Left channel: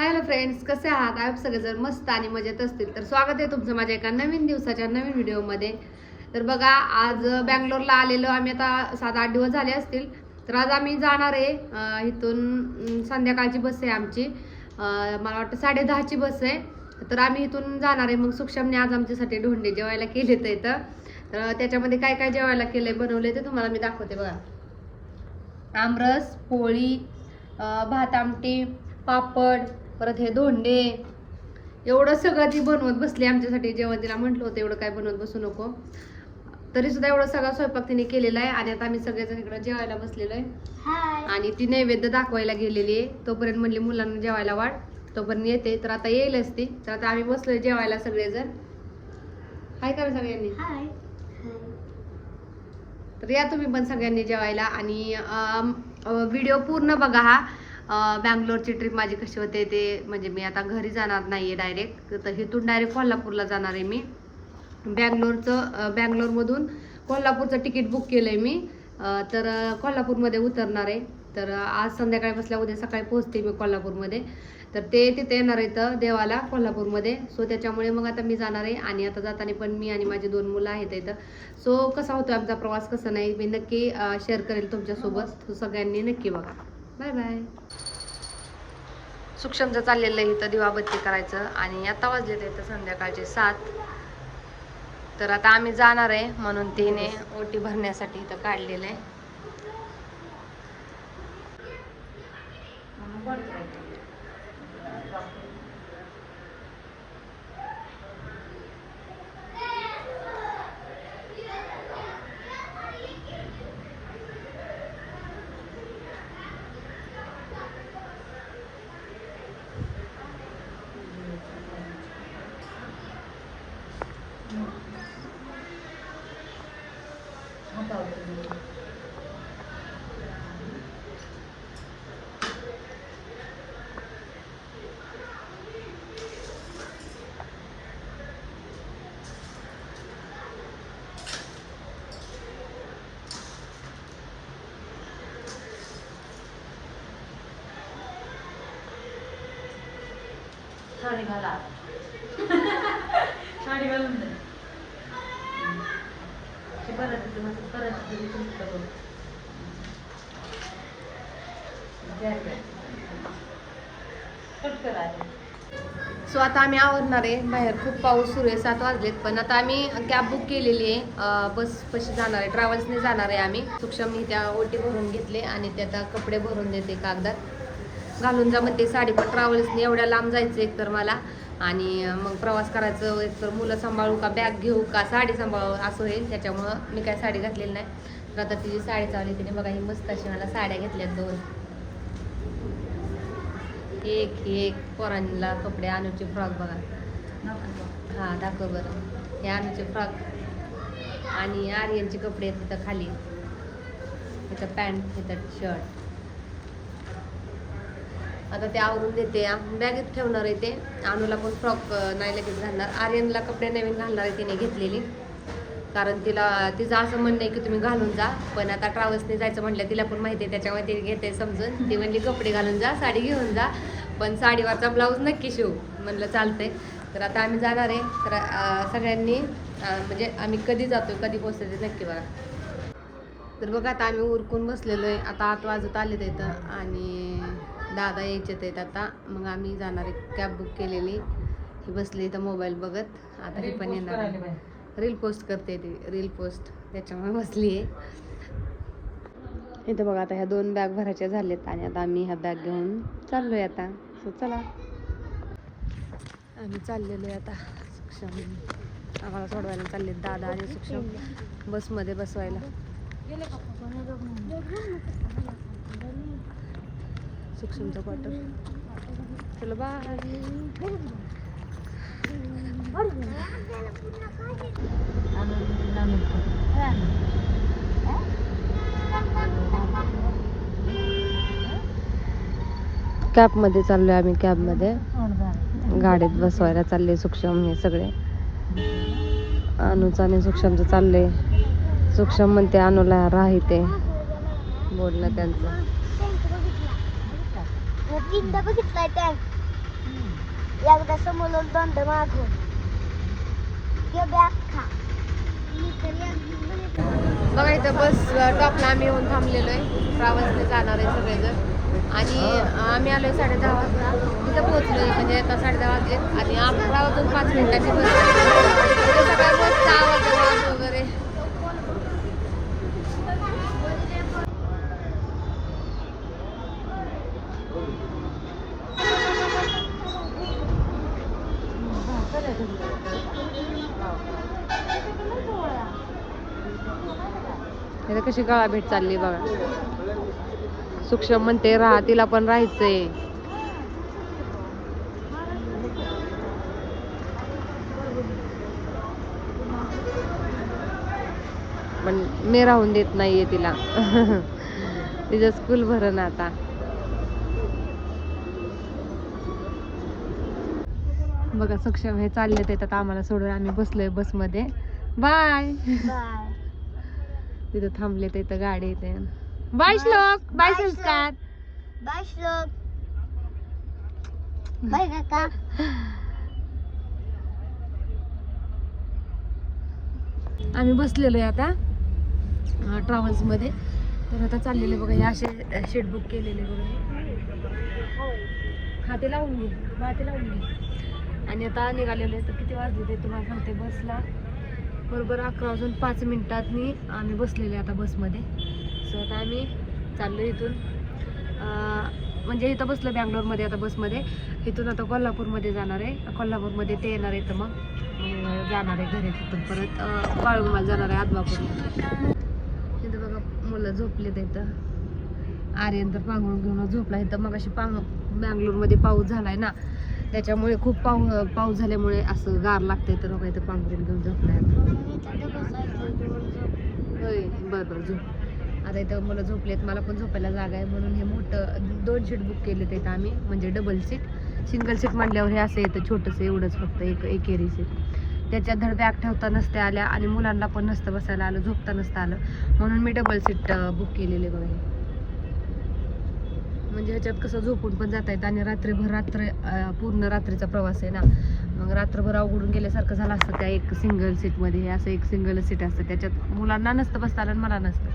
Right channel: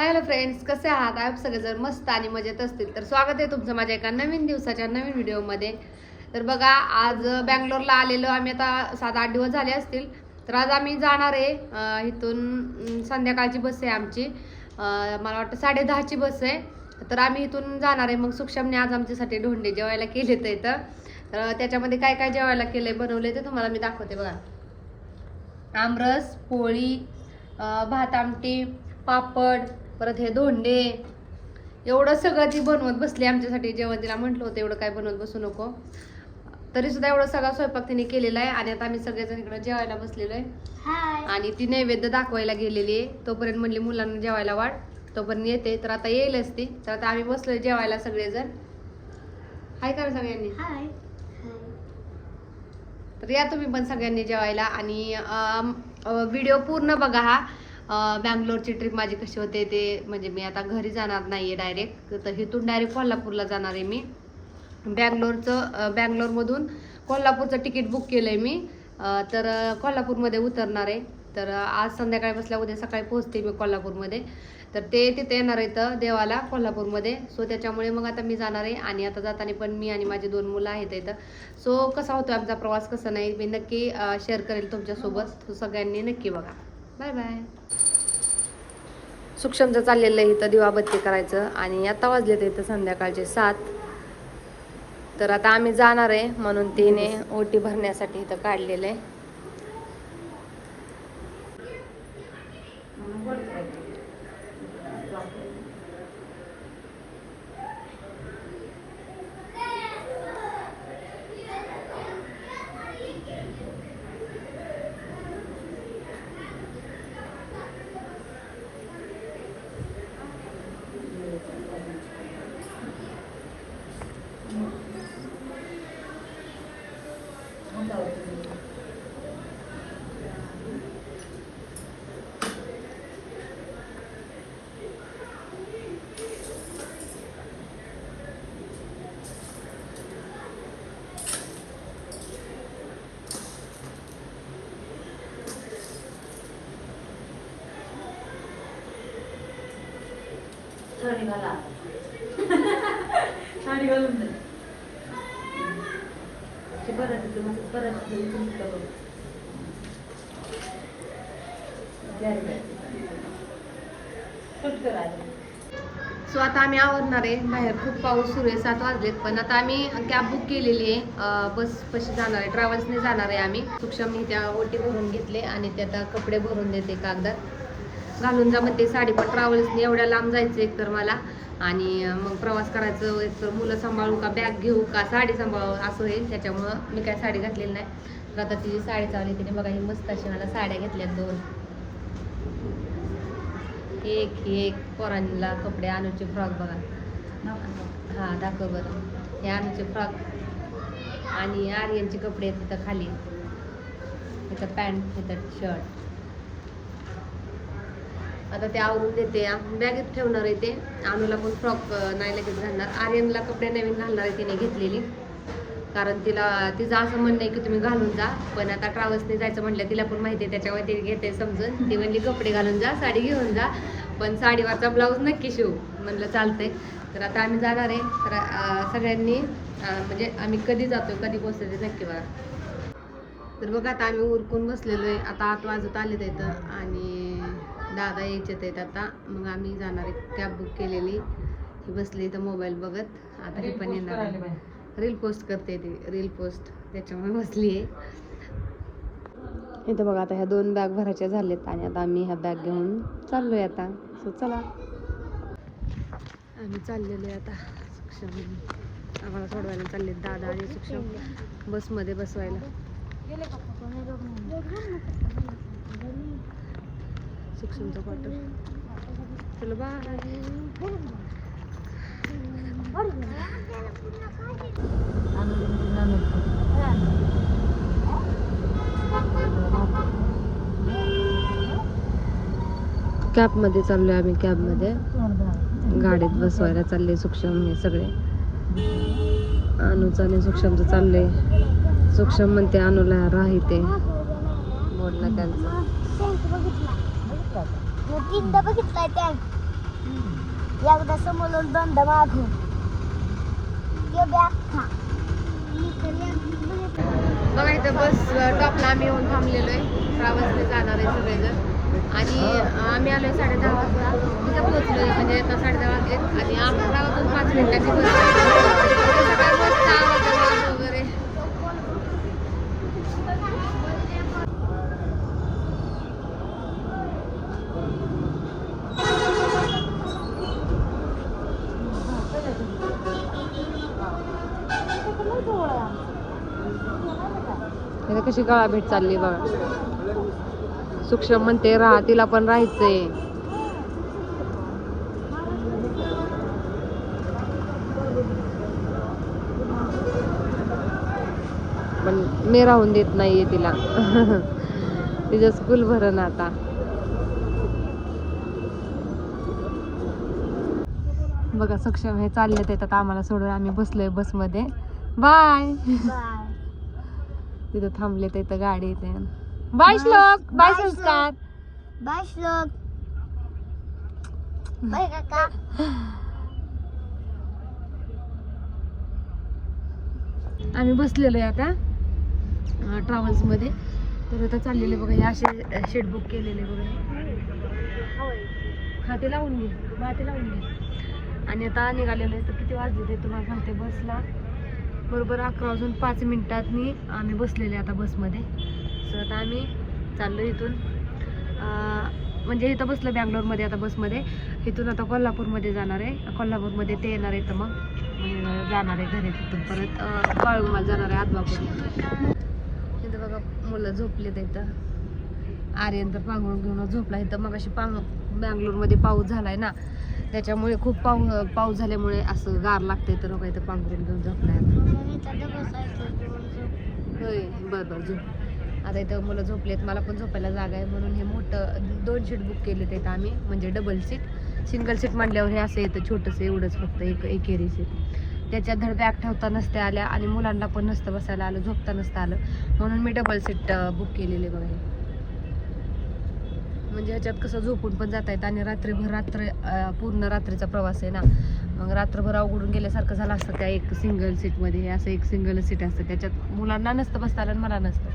Hello friends, कसे आहात? आप सगळेजण मस्त आणि मजेत असतील तर स्वागत आहे तुमचं माझ्या एका नवीन दिवसाच्या नवीन व्हिडिओमध्ये. तर बघा, आज बँगलोरला आलेलो आम्ही. आता 7-8 दिवस झाले असतील. तर आज आम्ही जाणार आहे इथून. संध्याकाळची बस आहे आमची. मला वाटतं 10:30ची बस आहे. तर आम्ही इथून जाणार आहे. मग सुक्षमने आज आमच्यासाठी ढोंडे जेवायला केले. तर त्याच्यामध्ये काय काय जेवायला केले बनवले ते तुम्हाला मी दाखवते. बघा, आमरस, पोळी, भात आमटी, पापड, परत हे धोंडे, एवढं सगळं ती बनवत बसली आमच्यासाठी जेवण. तिला म्हटलं होतं एवढं काय बनवत बसू नको, तरी सुद्धा एवढा सगळा स्वयंपाक तिने केलेला आहे. आणि आता आम्ही सगळेजण इकडे जेवायला बसलेलो आहे. आणि ती नैवेद्य दाखवायला गेलेली आहे. तोपर्यंत म्हणली मुलांना जेवायला वाढ, तोपर्यंत येते. तर आता येईलच ती. तर आता आम्ही बसलोय जेवायला सगळेजण. हाय करा सगळ्यांनी. तर या तुम्ही पण सगळ्यांनी जेवायला. आणि व्हिडिओ पूर्ण बघा. हा बँगलोरची ट्रिप माझी कशी होते ते. म्हणजे मी आता घरी जाणार नाहीये डायरेक्ट, तर इथून डायरेक्ट कोल्हापूरला जाणार आहे मी. बँगलोरमधून कोल्हापूरचं तिकीट बुक केलंय मी. तर कोल्हापूरमध्ये उतरणार आहे. तर आज संध्याकाळी बसल्या उद्या सकाळी पोहोचते मी कोल्हापूरमध्ये. तर ते तिथे येणार आहेत देवाला कोल्हापूरमध्ये. सो त्याच्यामुळे मग आता मी जाणार आहे. आणि आता जाताना पण मी आणि माझी 2 मुलं आहेत इथं. सो कसा होतो आमचा प्रवास, कसा नाही, मी नक्की शेअर करेल तुमच्यासोबत. सो सगळ्यांनी नक्की बघा. Bye bye. सुक्षमचं चाललेलं आहे इथं दिवाबत्ती करायचं. आणि आता वाजले तर इथं संध्याकाळचे 7. तर आता आम्ही जाणार आहे म्हणून तिने ओटी भरण्यासाठी इथं काढलेलं आहे. साडी घाला. साडी घालून दे. सो आता आम्ही आवरणार आहे. बाहेर खूप पाऊस सुरू आहे. 7 वाजलेत. पण आता आम्ही कॅब बुक केलेली आहे. बस कशी जाणार आहे, ट्रॅव्हल्सने जाणार आहे आम्ही. सुक्षमने त्या ओटी भरून घेतली आणि त्याचा कपडे भरून देते कागदात घालून जा म्हणते. साडी पण ट्रॅव्हल्सने एवढ्या लांब जायचं एक तर मला. आणि मग प्रवास करायचं, एक तर मुलं सांभाळू का बॅग घेऊ का साडी सांभाळू असं होईल. त्याच्यामुळं मी काय साडी घातलेली नाही. तर आता ती साडी चालली तिने बघा. ही मस्त अशी मला साड्या घेतल्या 2. एक पोरांना कपडे, अनुची फ्रॉक बघा. हा दाखवलं. हे अनुचे फ्रॉक आणि आर्यनचे कपडे तिथं खाली. त्याचं पॅन्ट, त्याचं शर्ट. आता ते आवरून देते. बॅगेत ठेवणार आहे ते. अनुला पण फ्रॉक नाही लगेच घालणार. आर्यनला कपडे नवीन घालणार आहे तिने घेतलेली. कारण तिचं असं म्हणणं आहे की तुम्ही घालून जा. पण आता ट्रॅव्हल्सने जायचं म्हटलं, तिला पण माहिती आहे. त्याच्यामुळे ती घेते समजून. तिला मी कपडे घालून जा, साडी घेऊन जा, पण साडीवरचा ब्लाऊज नक्की शिव म्हणलं चालतंय. तर आता आम्ही जाणार आहे. तर सगळ्यांनी म्हणजे आम्ही कधी जातोय, कधी पोहोचतो ते नक्की बघा. तर बघा, आता आम्ही उरकून बसलेलो आहे. आता 8 वाजत आले इथं. आणि दादा यायचे आहेत आता. मग आम्ही जाणार आहे. कॅब बुक केलेली. ही बसली इथं मोबाईल बघत. आता ही पण येणार आहे. रील पोस्ट करते ती, रील पोस्ट, त्याच्यामुळे बसली आहे इथं बघा. आता ह्या 2 बॅग भरायच्या झाल्यात. आणि आता आम्ही ह्या बॅग घेऊन चाललोय आता. सो चला, आम्ही चाललेलो आहे आता. सुक्षम आम्हाला सोडवायला चालले दादा आणि सुक्षम बसमध्ये बसवायला. सुक्षमचं क्वार्टर. चलो बाय. कॅबमध्ये चाललोय आम्ही. कॅबमध्ये गाडीत बसवायला चालले सुक्षम हे सगळे. अनुचं आणि सुक्षमचं चाललंय. सुक्षम म्हणते अनुला राहते बोलणं त्यांचं. एकदा समोर दोनदा मागून बघा इथं बस टॉपला आम्ही येऊन थांबलेलो आहे. ट्रॅव्हल्सने जाणार आहे सगळेजण आणि आम्ही आलोय 10:30 वाजता. तिथं पोहोचलोय म्हणजे आता 10:30 वाजले आणि 11 वाजून 5 मिनिटाची बस सगळ्या बसचा आवाज वगैरे. इथं कशी गळा भेट चालली बघा. सूक्ष्म म्हणते राहा, तिला पण राहायचंय. पण मी राहून देत नाहीये तिला. तिचं स्कूल भरण आता. बघा सक्षम हे चालले येतात आम्हाला सोडून. आम्ही बसलोय बसमध्ये. बाय. तिथं थांबले तिथं गाडी येते. बाय श्लोक. बाय संस्कार. बाय श्लोक. बाय काका. आम्ही बसलेलो आहे आता ट्रॅव्हल्स मध्ये. तर आता चाललेले बघा हे असे शीट बुक केलेले बघा. खाते लावून घे, माती लावून घे. आणि आता निघालेलो आहे. तर किती वाजले ते तुम्हाला सांगते. बसला बरोबर 11 वाजून 5 मिनिटांनी आम्ही बसलेले आता बसमध्ये. सो आता आम्ही चाललो इथून म्हणजे इथं बसलं बँगलोरमध्ये आता बसमध्ये. इथून आता कोल्हापूरमध्ये जाणार आहे. कोल्हापूरमध्ये ते येणार आहे तर मग जाणार आहे घरी. तिथून परत बाळूमाला जाणार आहे आदमापूर. इथं बघा मुलं झोपले तिथं. आर्यन तर पांघरून घेऊन झोपला इथं. मग अशी बँगलोरमध्ये पाऊस झालाय ना, त्याच्यामुळे खूप पाऊस झाल्यामुळे असं गार लागते. तर बघा इथं पांघरून घेऊन झोपलाय. होय बरं झोप. आता इथं मुलं झोपलेत, मला पण झोपायला जागा आहे म्हणून हे मोठं 2 सीट बुक केले तिथं आम्ही. म्हणजे डबल सीट. सिंगल सीट म्हटल्यावर हे असं येतं छोटंसं एवढंच फक्त एकेरी सीट. त्याच्यात धड बॅग ठेवता नसत्या आल्या आणि मुलांना पण नसतं बसायला आलं, झोपता नसतं आलं, म्हणून मी डबल सीट बुक केलेले बघा. म्हणजे ह्याच्यात कसं झोपून पण जाता येतं आणि पूर्ण रात्रीचा प्रवास आहे ना, मग रात्रभर अवघडून गेल्यासारखं झालं असतं त्या एक सिंगल सीटमध्ये. असं एक सिंगल सीट असतं त्याच्यात मुलांना नसतं बसता आलं आणि मला नसतं,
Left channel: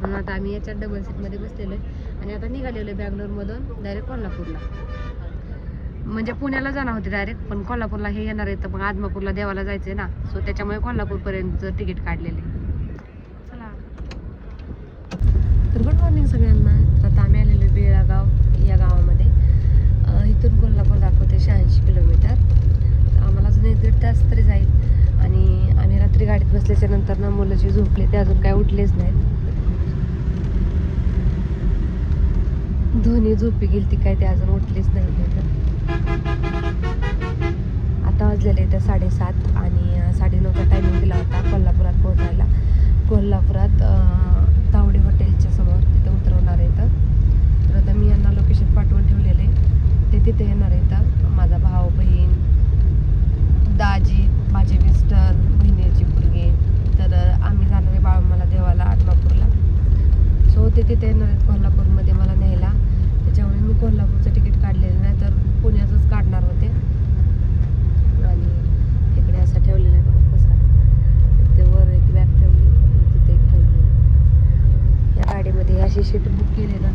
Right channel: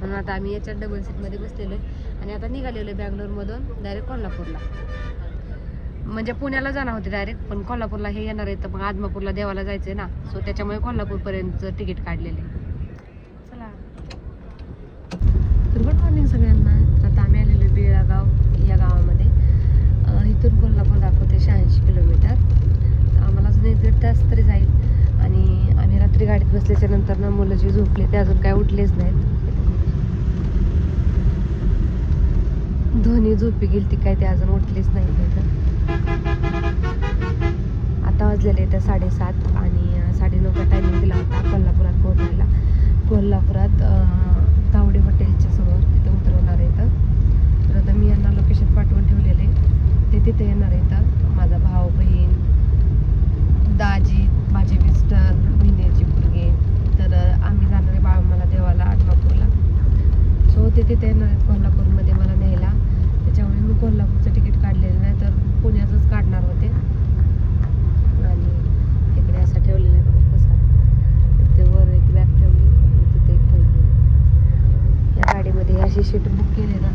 म्हणून आता आम्ही याच्यात डबल सीटमध्ये बसलेलो आहे. आणि आता निघालेलो आहे बँगलोरमधून डायरेक्ट कोल्हापूरला. म्हणजे पुण्याला जाणार होते डायरेक्ट, पण कोल्हापूरला हे येणार आहे तर मग आदमापूरला देवाला जायचंय ना, सो त्याच्यामुळे कोल्हापूरपर्यंत तिकीट काढलेले. तर गुड मॉर्निंग सगळ्यांना. तर आता आम्ही आलेलो बेळगाव या गावामध्ये. इथून कोल्हापूर दाखवते 86 किलोमीटर. तर आम्हाला अजून 1-1.5 तास तरी जाईल. आणि आम्ही रात्री गाडीत बसल्याच्या नंतर ना मुलं जे झोपले ते अजून काय उठलेच नाहीत. दोन्ही झोपी गेली ती काय ते अजून उठलेच नाही तिथं. आता वाजलेले इथं 7:30 आणि 9:30चा टायमिंग दिला होता कोल्हापुरात पोहोचायला. कोल्हापुरात तावडे हॉटेलच्या समोर तिथं उतरवणार आहे. तर आता मी यांना लोकेशन पाठवून ठेवलेले ते तिथे येणार आहे. माझा भाऊ, बहीण, दाजी, माझे मिस्टर, बहिणीची मुलगी. तर आम्ही जाणार आहे बाळूमाला देवाला आदमापूरला. सो ते तिथे येणार आहेत कोल्हापूरमध्ये मला न्यायला. त्याच्यामुळे मी कोल्हापूरचं तिकीट काढलेलं नाही तर पुण्याचंच काढणार होते. आणि इकडे असं ठेवलेलं या गाडीमध्ये अशी सीट बुक केली ना,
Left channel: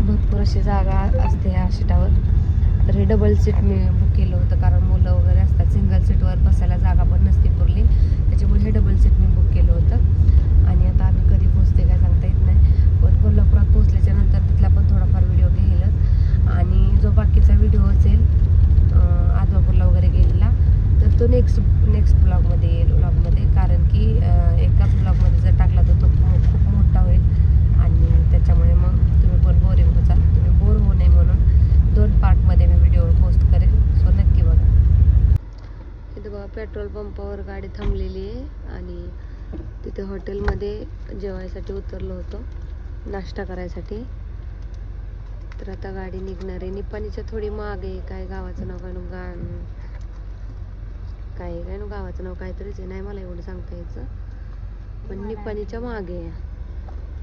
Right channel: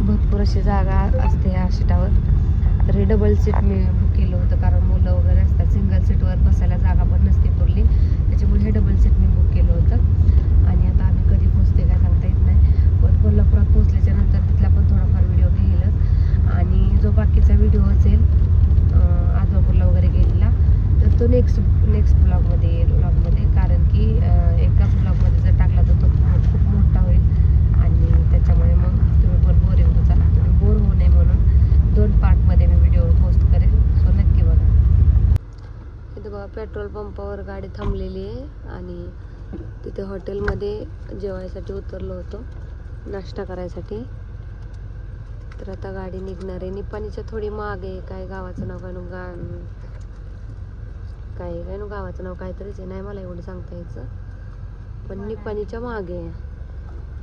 भरपूर अशी जागा असते ह्या सीटावर. तर हे डबल सीट मी बुक केलं होतं कारण मुलं वगैरे असतात. सिंगल सीटवर बसायला जागा पण नसते पुरली, त्याच्यामुळे हे डबल सीट मी बुक केलं होतं. आणि आता आम्ही कधी पोहोचते काय सांगता येत नाही, पण कोल्हापुरात पोहोचल्याच्या नंतर तिथला पण थोडाफार व्हिडिओ घेईलच. आणि जो बाकीचा व्हिडिओ असेल आदमापूरला वगैरे गेलेला तर तो नेक्स्ट ब्लॉगमध्ये येईल. कारण की एकाच ब्लॉगमध्ये जर टाकला तर तो खूप मोठा होईल आणि त्याच्यामुळे मग तुम्ही पण बोरिंग होचाल. तुम्ही बोर होऊ नये म्हणून 2 पार्टमध्ये मी व्हिडिओ पोस्ट करेल. सो नक्की बघा. इथे बघा पेट्रोल पंपावर गाडी थांबलेली आहे आणि तिथे हॉटेलमध्ये जेवायसाठी उतरलो होतो, नाश्ता करायसाठी. तर आता गाडी निघणार आहे. निपाणीच्या थोडी मागे आहे. काय गावाचं नाव काय नो गावाचं नाव काहीतरीच आहे, नाही मला एवढं सांगता यायचं, पण निपाणीच्या मागे आहे.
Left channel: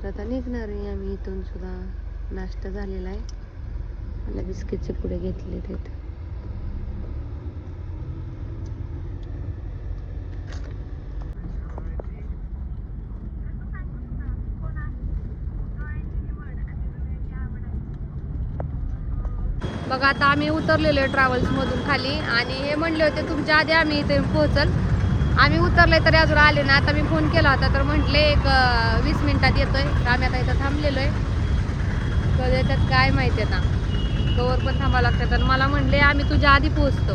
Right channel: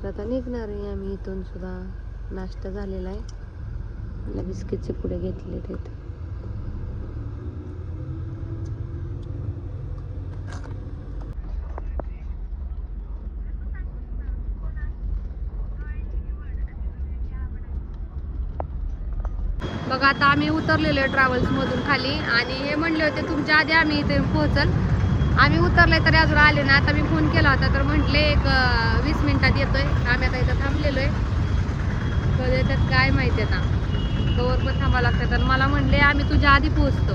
तर आता निघणार आहे आम्ही इथून सुद्धा. नाश्ता झालेला आहे. मला बिस्किटचे पुढे घेतले तिथे. बघा आता आम्ही उतरलेलो आहे ट्रॅव्हल्समधून खाली आणि हे म्हणले होते तुमच्या आधी आम्ही इथे पोहोचल. आम्ही उतरले तरी अजून आले ना. आता मी फोन केला होता तर म्हटले एक 20 मिनिटात येतोय. तर आम्ही आता इथं थांबलेलो आहे. तर याच्यात काय माहिती आहे ना, गवर पण थांबावं लागतं. तर मला म्हणले आम्ही तुझ्या आधी पोहोचतो.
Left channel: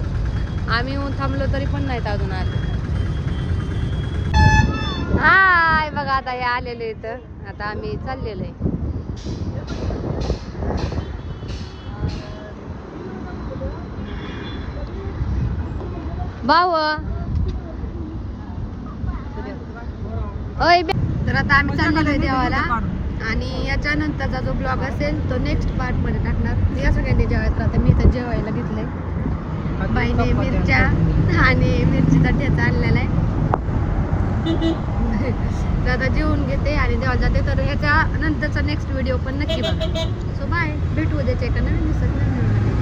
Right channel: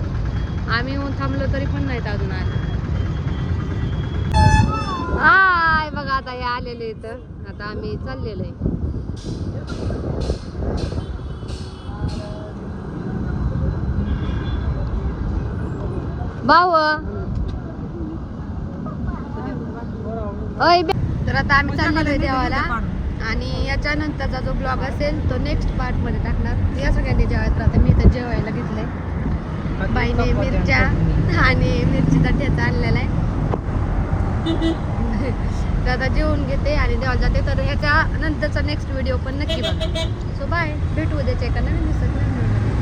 आम्ही येऊन थांबलो तरी पण नाहीत अजून आले. हाय बघा आता हे आलेले इथं. आता आम्ही चाललेलो आहे. भाऊ तर आता आम्ही चाललेलो आहे देवाला आणि याच्यानंतरचा जो ब्लॉग असेल तो नेक्स्ट पार्ट मध्ये टाकणार. या सगळ्यांनी जेवायचं. आता मी तर जेवायला घेतलंय. बाईने मिरच्या आणि मिरचीचा ठेचा आणलेला आहे. तर आता जेवून घेते आणि देवाला जाते. तर ह्याच्या नंतरचा नेक्स्ट व्हिडिओ पण नक्की बघा. सो बाय, भेटू उद्याच्या एका नवीन दिवसात नवीन व्हिडिओमध्ये.